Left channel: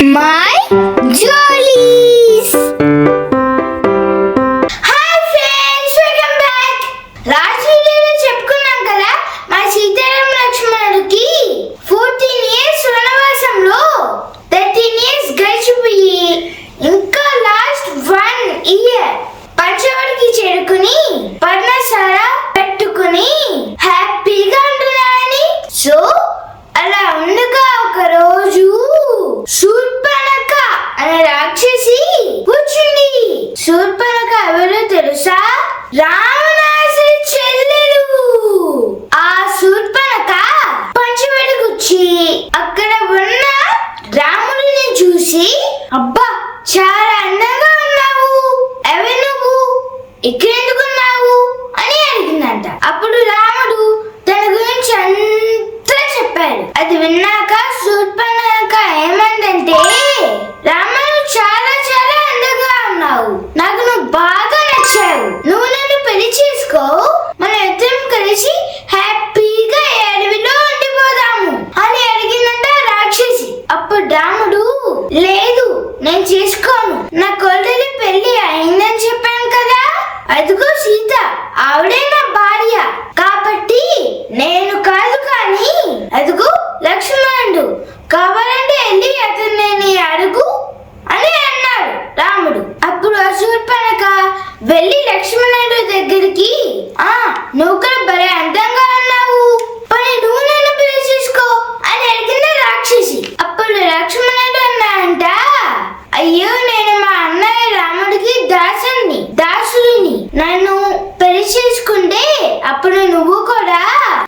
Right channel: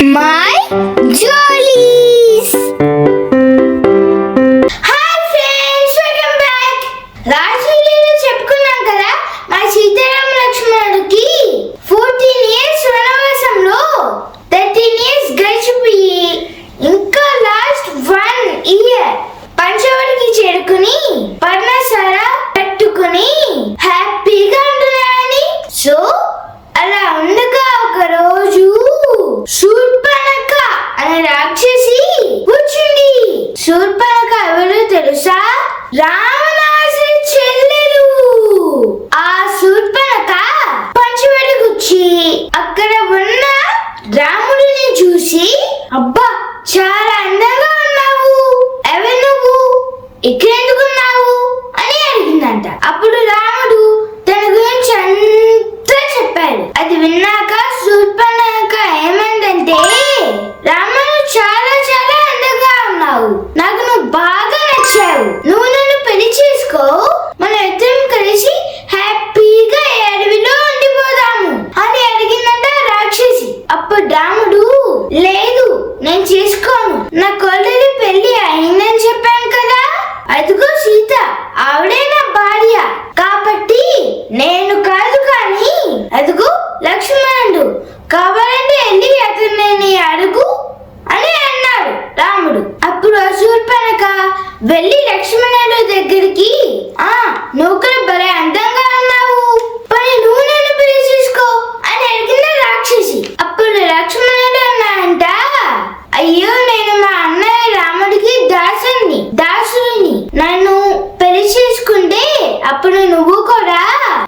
My Jollies! Hi friends, welcome back! Last video లో చెప్పుకున్నాం కదా మా సీతారామ లక్ష్మణుడికి 14 years వనవాసంలో 13 years గడిచిపోయి ఇంకా లాస్ట్ 1 year పంచవటికి చేరుకుని పర్ణశాల పెట్టుకుని హ్యాపీగా ఉంటున్నారని. సో అలా ఉండగా ఒక రోజు శూర్పణఖ అనే రాక్షసి కూర్చుంది. శూర్పణఖ ఎవరు తెలుసా? రావణాసుడి చెల్లెలు. ఆ శూర్పణఖ పంచవటికి వచ్చి అక్కడ ఉన్న రాముడిని చూసి, అబ్బా చాలా అందంగా ఉన్నావు, ఎవరు నువ్వు, ఇక్కడెందుకున్నావు అని అడిగిందంట. అప్పుడు రాముడు తన గురించి అంతా చెప్పాడు. అది విన్నాక శూర్పణఖ ఏమందంటే, రాముడు చాలా చాలా అందంగా ఉన్నావు, నాకు నువ్వు బాగా నచ్చావు, నువ్వు నన్ను పెళ్లి చేసుకో, మన ఇద్దరం కలిసి హ్యాపీగా అడవిలో ఉండిపోదాము అని అడిగిందంట రాక్షసి. అప్పుడు రాముడు, లేదు నేను చేసుకోను, నాకు ఆల్రెడీ పెళ్లి అయిందని చెప్పాను కదా, అదిగో సీత ఆవిడే నా భార్య, కాబట్టి నేను కాదు కానీ అదిగో లక్ష్మణుడు, కావాలంటే వెళ్ళి అతన్ని అడుగు అని అన్నాడు రాముడు. అప్పుడు ఆ శూర్పణఖ వెళ్ళి లక్ష్మణుడు దగ్గరికి, నువ్వు కూడా భలే అందంగా ఉన్నావు, పని నువ్వు నన్ను పెళ్లి చేసుకో అని అడిగింది రాక్షసి. అప్పుడు లక్ష్మణుడు అన్నాడంట, అయ్యో నేను మా అన్నయ్య రాముడికి దాసుడిని, నన్ను పెళ్లి చేసుకుంటే అప్పుడు నువ్వు కూడా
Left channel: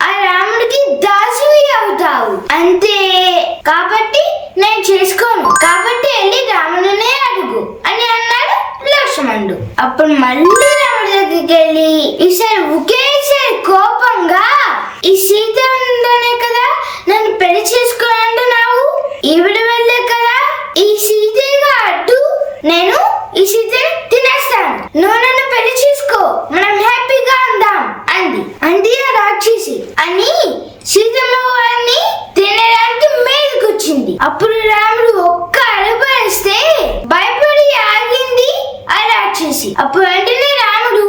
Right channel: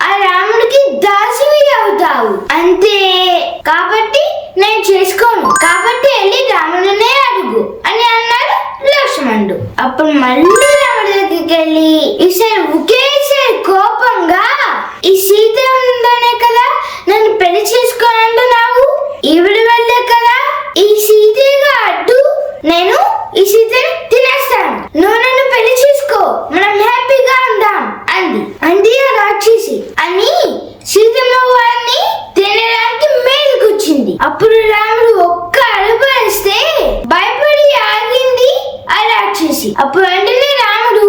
ఆ రాముడికి దాసువి అవుతావు అంతే, కాబట్టి నేను చేసుకోను, కాబట్టి వెళ్ళి రాముడినే అడుగు అని అన్నాడు లక్ష్మణుడు. అప్పుడు మళ్ళీ రాముడి దగ్గరికి వెళ్ళి ఈసారి ఒకేసారి కోపంగా, ఈ సీత ఉందనే కదా నన్ను పెళ్లి చేసుకోనంటున్నావు, ఈవిడ వెళ్ళే కదా ఈ సీతగా అడ్డు, నేను ఈ సీతని తినేస్తాను, నువ్వు నన్ను పెళ్లి చేసుకో, మనం హ్యాపీగా ఉందాం అంది ఆ రాక్షసి అని సీతమ్మ వారిని తినడానికి మేలుకొచ్చింది. అప్పుడు రాముడు ఒక్క అరుపు వేస్తే భయపడి ఆగింది ఆ రాక్షసి. అప్పుడు వెంటనే రాముడు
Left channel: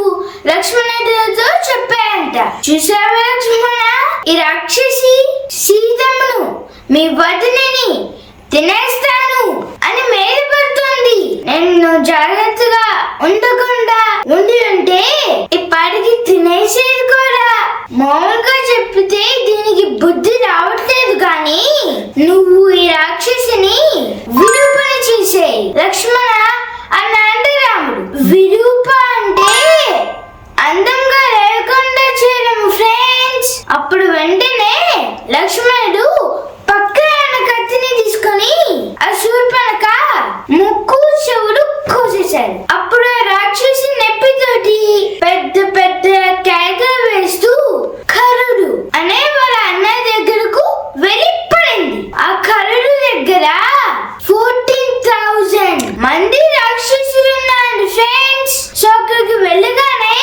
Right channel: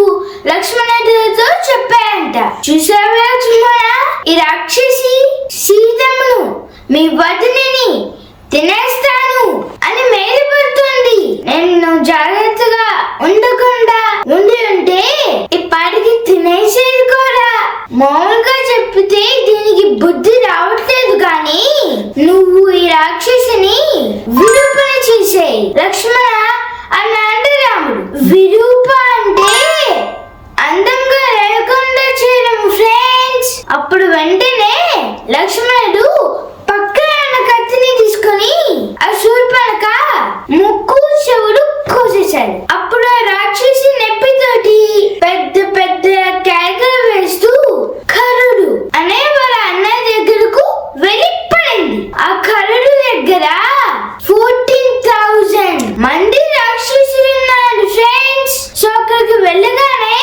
లక్ష్మణుడితో చెప్పాడంట, చూసావా లక్ష్మణ, ఈ రాక్షసి సీతమ్మను మీ వదినని తినేస్తాను అని మేలుపడుతుంది, నేను జాగ్రత్తగా ఉండకుండా ఉంటే ఇప్పటికి తినేసేది కూడా. మామూలుగా చెప్పితే దీనికి బుద్ధి రావట్లేదు, కానీ నువ్వు ఈ రాక్షసిని విరూపణ చేసేయి లక్ష్మణ అన్నాడు రాముడు. విరూప అంటే అందంగా లేకుండా చేయడం ఫ్రెండ్స్. అప్పుడు వెంటనే లక్ష్మణుడు పక్కన ఉన్న కత్తిని తీసుకొని ఆ శూర్పణఖ ముక్కు చెవులు కోసేశాడు. అప్పుడు ఆ రాక్షసి నెప్పితోటి పెద్ద పెద్ద కేకలు వేస్తూ కరుడు అనే వాళ్ళ అన్నయ్య దగ్గరకు వెళ్ళి పడింది. ఆ కరుడు దగ్గర 14,000 మంది రాక్షసులు ఉన్నారు ఫ్రెండ్స్. సో అక్కడికి వెళ్ళగానే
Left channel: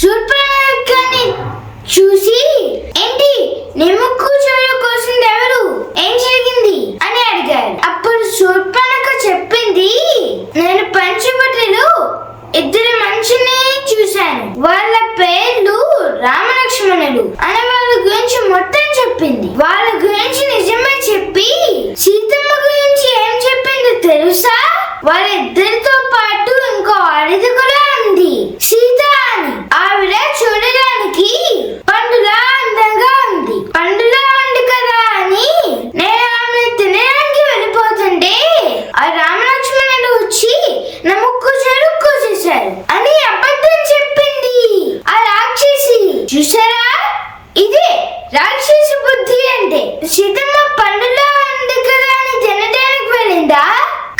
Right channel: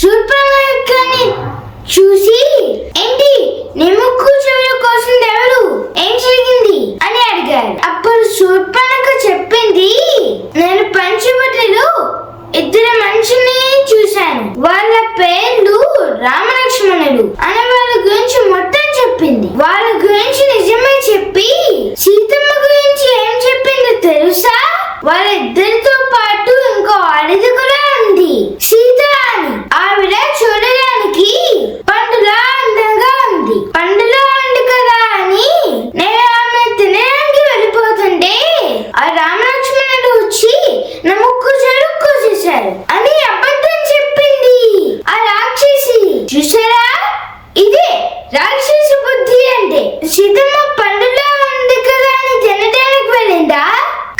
శూర్పణఖని చూసి, ఏంటి నీ ముక్కు చెవులు కోసింది ఎవరు, ఏం జరిగింది అని అడిగారు. అప్పుడు శూర్పణఖ చెప్పింది, నేను పంచవటిలో ఇద్దరు మనుషుల్ని చూశాను, వాళ్ళ పేర్లు రామలక్ష్మణులు అని వాళ్ళ గురించి మొత్తం చెప్పింది. వాళ్ళ గురించి నిజమే చెప్పి సీతమ్మ గురించి ఏం చెప్పిందో తెలుసా? వాళ్ళిద్దరితో పాటు ఇంకో ఆడది కూడా ఉంది, సీత అని. ఆవిడ చూడడానికి పండులా అందంగా ఉంది, పండులా ఉంది కదా అని నేను ఆమెను తినడానికి వెళ్ళిపోతుంటే ఆ రామలక్ష్మణుడు వచ్చి నా ముక్కు చెడు కోసేశారు అని అబద్ధం చెప్పింది ఆ రాక్షసి. చూసారా, ఇదే రాక్షసి బుద్ధి అంటే. సీతమ్మ పండులా ఉంది కదా అని తినడానికి వెళ్ళిందా?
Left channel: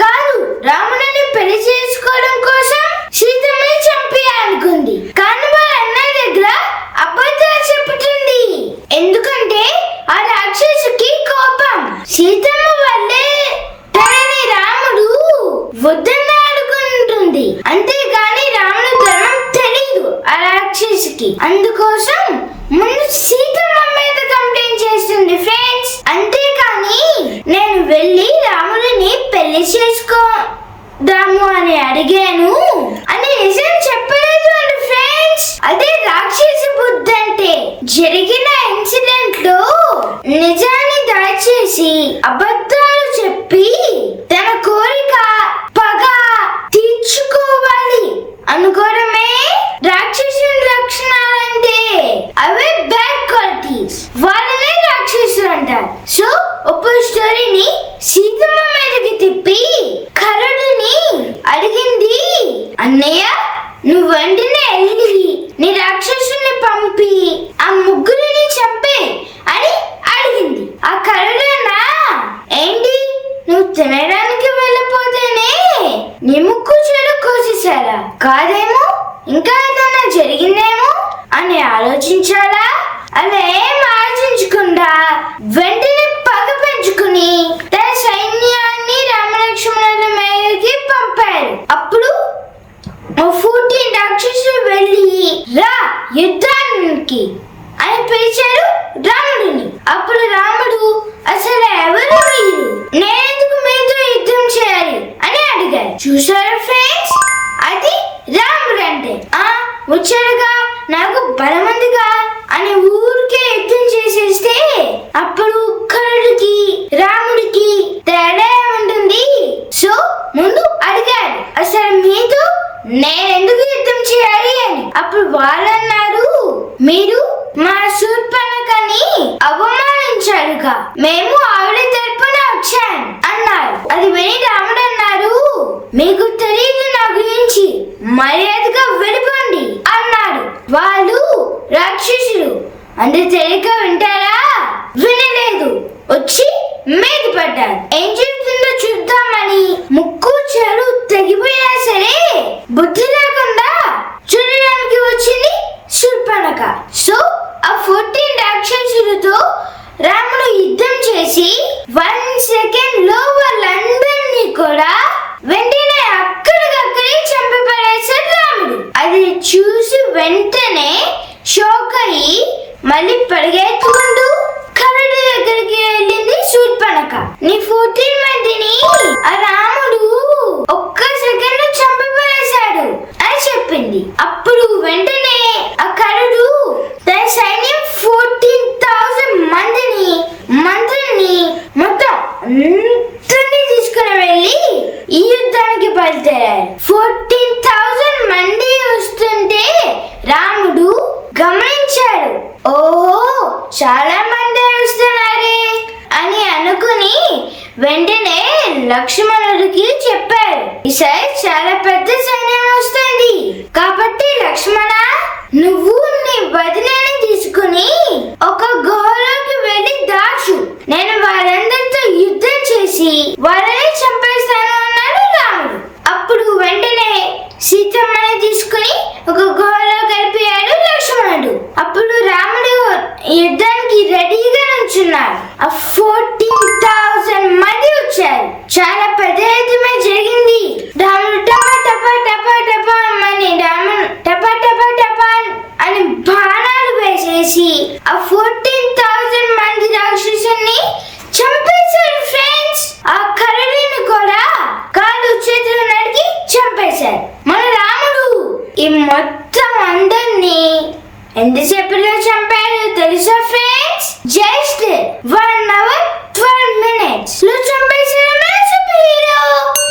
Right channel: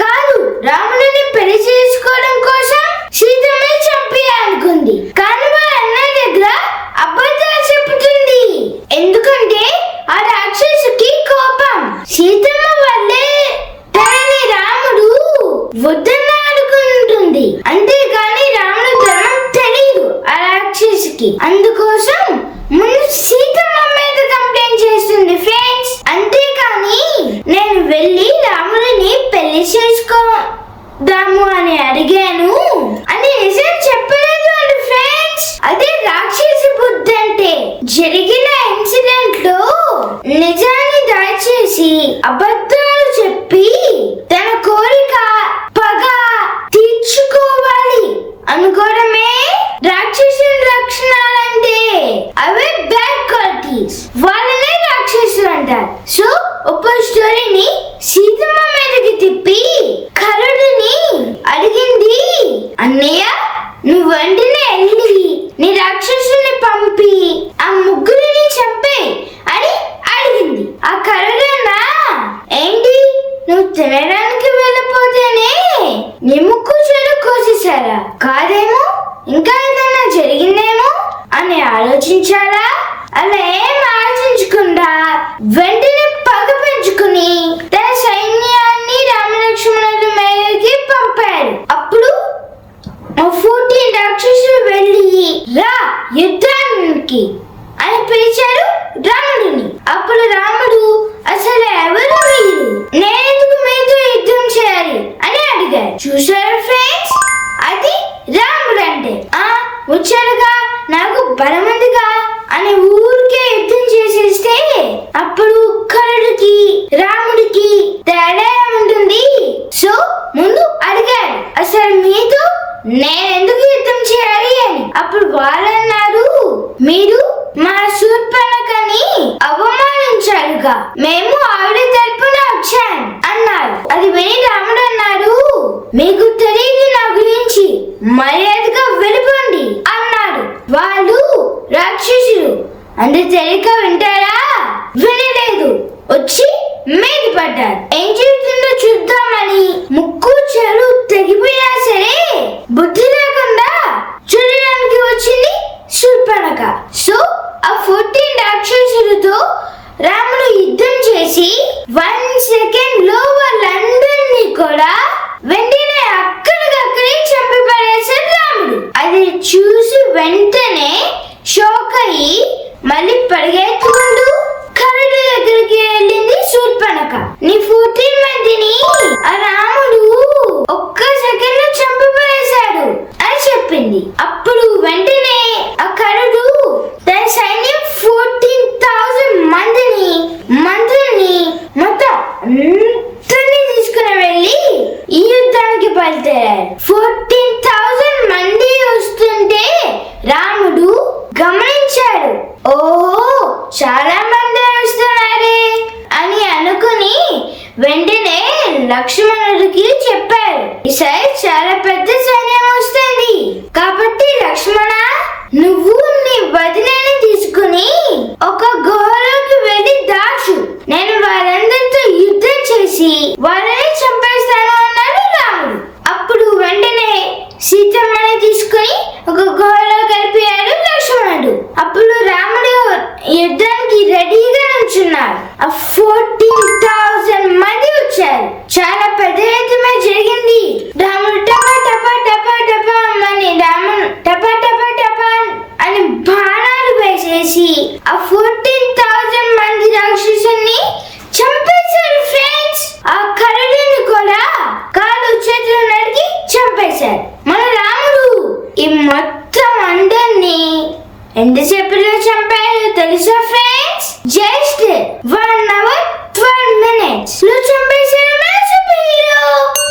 కాదు, రాముడిని పెళ్లి చేసుకోవడం కోసం సీతమ్మని చంపేయాలనుకుంది. కానీ వాళ్ళ అన్నయ్య దగ్గర అబద్ధాలు చెప్పుతుంది, ఎందుకంటే ఆ రాక్షసికి కోపం. సీతమ్మ వల్లే తనని రాముడు వద్దన్న అనుకుంటుంది, అంతేగాని రాముడు ధర్మం తెలీదు ఆ రాక్షసికి. అందుకోసం ముందు సీతమ్మ మీద కంప్లైంట్ చేస్తుంది ఫ్రెండ్స్, అంతేకాని నేను వెళ్ళి రాముడిని పెళ్లి పెళ్లి చేసుకోదాము అని అడిగాను అని నిజం చెప్పలేదు అండి ఫ్రెండ్స్. అదే రాక్షస బుద్ధి అంటే. జరిగిన ఇన్సిడెంట్ లో నిజాన్ని దాచేసి అబద్ధాలు చెప్పి తన కోరిక పగ తీర్చుకోవాలి అనుకోవడమే రాక్షసుని లక్షణాలంటే. అవే బ్యాడ్ క్వాలిటీస్, వాళ్ళనే రాక్షసులు అంటారు. సో ఒక స్టోరీని సీతమ్మ మీదకి తిప్పి కరుడుని అడిగింది, అన్నయ్య నువ్వు వెంటనే వెళ్ళి నీ రాక్షసుని పంపి ఆ ముగ్గురిని చంపే అని అడిగింది. ఆ కరుడన్నా ఏంటి నువ్వు తినడానికి వెళ్ళిపోతేనే నీ ముక్కు చెడు కోసేశారా, కాదేమో ఇంకా ఏదన్నా జరిగిందేమో అని ఆలోచించాలా? అలా ఏం ఆలోచించకుండా వెంటనే పగ పెంచుకుని తన సైన్యాన్ని రామలక్ష్మణుల మీదకి పంపారు. అప్పుడు 14 రాక్షసులు వెళ్ళి రా యుద్ధానికి అని పిలిచారు రాముడిని. అప్పుడు రాముడు అసలు ఎవరు మీరు, నేనెందుకు మీతో యుద్ధం చేయాలి అని అడిగారు. చూసారు ఫ్రెండ్స్, అది రాముడు అంటే. వచ్చాడుగా నాకు బలముందిగా అని ఊరికే యుద్ధం చేసేస్తే అప్పుడు కరుడికి రాముడికి తేడా ఉంటుంది. సో ముందు అడిగాడు అసలు మీతో నేనెందుకు యుద్ధం చేయాలి అని. అప్పుడు వాళ్ళన్నారు మీరు మా శూర్పణఖని అవమానించారుగా, మేము ఆవిడ తరపున వచ్చాను అన్నారు. అది విని రాముడు అన్నారు మీకు తెలియదు నా గురించి, మర్యాదగా వెళ్ళిపోండి అన్నాడు. వాళ్ళు రాక్షసులు అంత తెలియక వింటారా? వినలేదు, వచ్చి మీద పడ్డారు. ఏం జరుగుతుందో చూద్దామని ముక్కు చెడు తెగిపోయినా సరే బుద్ధి లేకుండా చూడడానికి వచ్చింది శూర్పణఖ. సో ఆ 14 రాక్షసులతో రాముడు యుద్ధం చేసి 1 సెకండ్ లో వాళ్ళందరినీ కూడా వెంటనే అక్కడికక్కడే చంపి పడేశాడు రాముడు. అది చూసి వెంటనే షాక్ అయ్యి మళ్ళీ పరిగెత్తుకుంటూ కరుడి దగ్గరికి వెళ్ళింది శూర్పణఖ. నీ 14 మందిని ఆ రాముడు ఒక్క సెకండ్ లో చంపి పడేశాడు అని చెప్పింది. అప్పుడు వెంటనే ఆ కరుడు తన సైన్యం 14,000 మందిని మంత్రుల్ని మొత్తం అందరినీ తీసుకుని వెళ్ళి ఈ యుద్ధానికి బయలుదేరారు. 14,000 మంది వస్తుంటే రాముడు గమనించాడు, ఓహో చాలా మంది వస్తున్నారే అని అనుకుని వెంటనే లక్ష్మణుడికి చెప్పారు, ఈసారి చాలా పెద్ద సైన్యం వస్తుంది కాబట్టి లక్ష్మణ నువ్వు నీ వదినని తీసుకుని ఒక గుహలోకి వెళ్ళి దాచు, నేను వారందరితో యుద్ధం చేసి వాళ్ళని చంపేస్తాను అన్నాడు రాముడు. అప్పుడు వెంటనే సీతమ్మని తీసుకుని ఒక గుహలో కలిపాడు లక్ష్మణుడు. అప్పుడు రాముడు యుద్ధానికి రెడీగా నుంచున్నాడు. ఆ 14,000 మంది వచ్చారు. చాలా పెద్ద యుద్ధమే జరిగింది. రాముడు టపా టపా టపా టపా అని రాముడు టపా టపా టపా అని బాణాలు వేసేసి ఆ 14,000 మంది రాక్షసుల్ని చంపేశారు ఫ్రెండ్స్. ఆ కరుడిని కూడా కాలు చేతులు నరికి చంపేశారు. మన రాముడు ఈ మొత్తం అందరినీ ఎంతసేపులో చంపారు తెలుసా ఫ్రెండ్స్? జస్ట్ 1 hour 12 minutes లో చంపేశారు మన సూపర్ హీరో.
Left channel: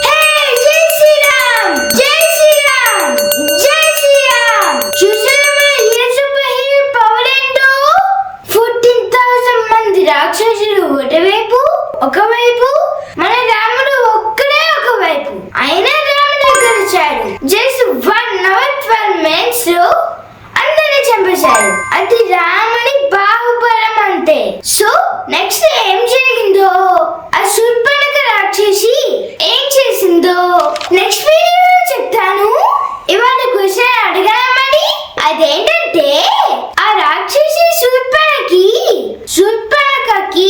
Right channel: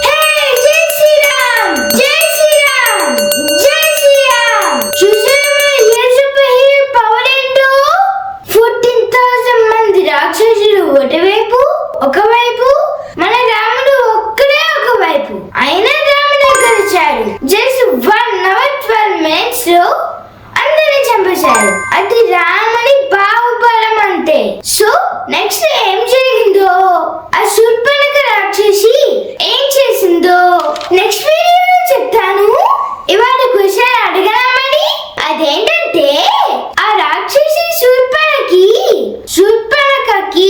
హే జై శ్రీరామ్, జై శ్రీరామ్, జై శ్రీరామ్. చూసారా మన హీరో సూపర్ హీరో పవర్ ఏంటో? 14,000 మంది రాక్షసులు ఒకవైపు మన రాముడు ఒక్కడే ఒకవైపు. అయినా రాముడు దగ్గర వచ్చాడు. జస్ట్ 1 hour 12 minutes లో అందరిని చంపేశాడు. అది రాముడి బాహుబలం అంటే. సో నెక్స్ట్ ఏం జరిగిందో, ఆ శూర్పణఖ రాక్షసి ఏం చేసిందో నెక్స్ట్ వీడియోలో చెప్తాను. ఇవాళ క్వశ్చన్ అడగనమని, అదేంటంటే ఆ రాక్షసి శూర్పణఖకి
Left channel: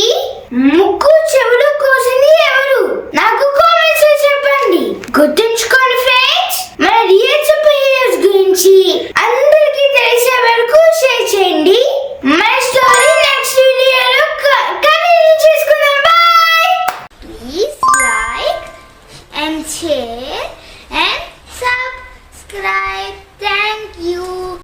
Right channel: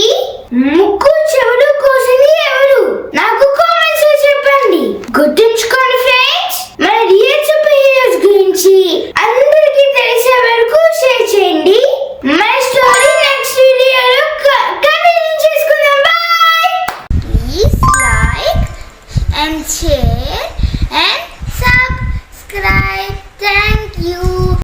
ముక్కు చెవులు కోసింది ఎవరు? నాకు కామెంట్స్ లో చెప్పండి. గుర్తుంచుకోండి ఫ్రెండ్స్, మన రియల్ సూపర్ హీరోస్ గురించి అందరికీ తెలిసే వరకు షేర్ చేయండి. మన స్టోరీ నెక్స్ట్ వీడియోలో కంటిన్యూ చేసుకోండి. and share and subscribe.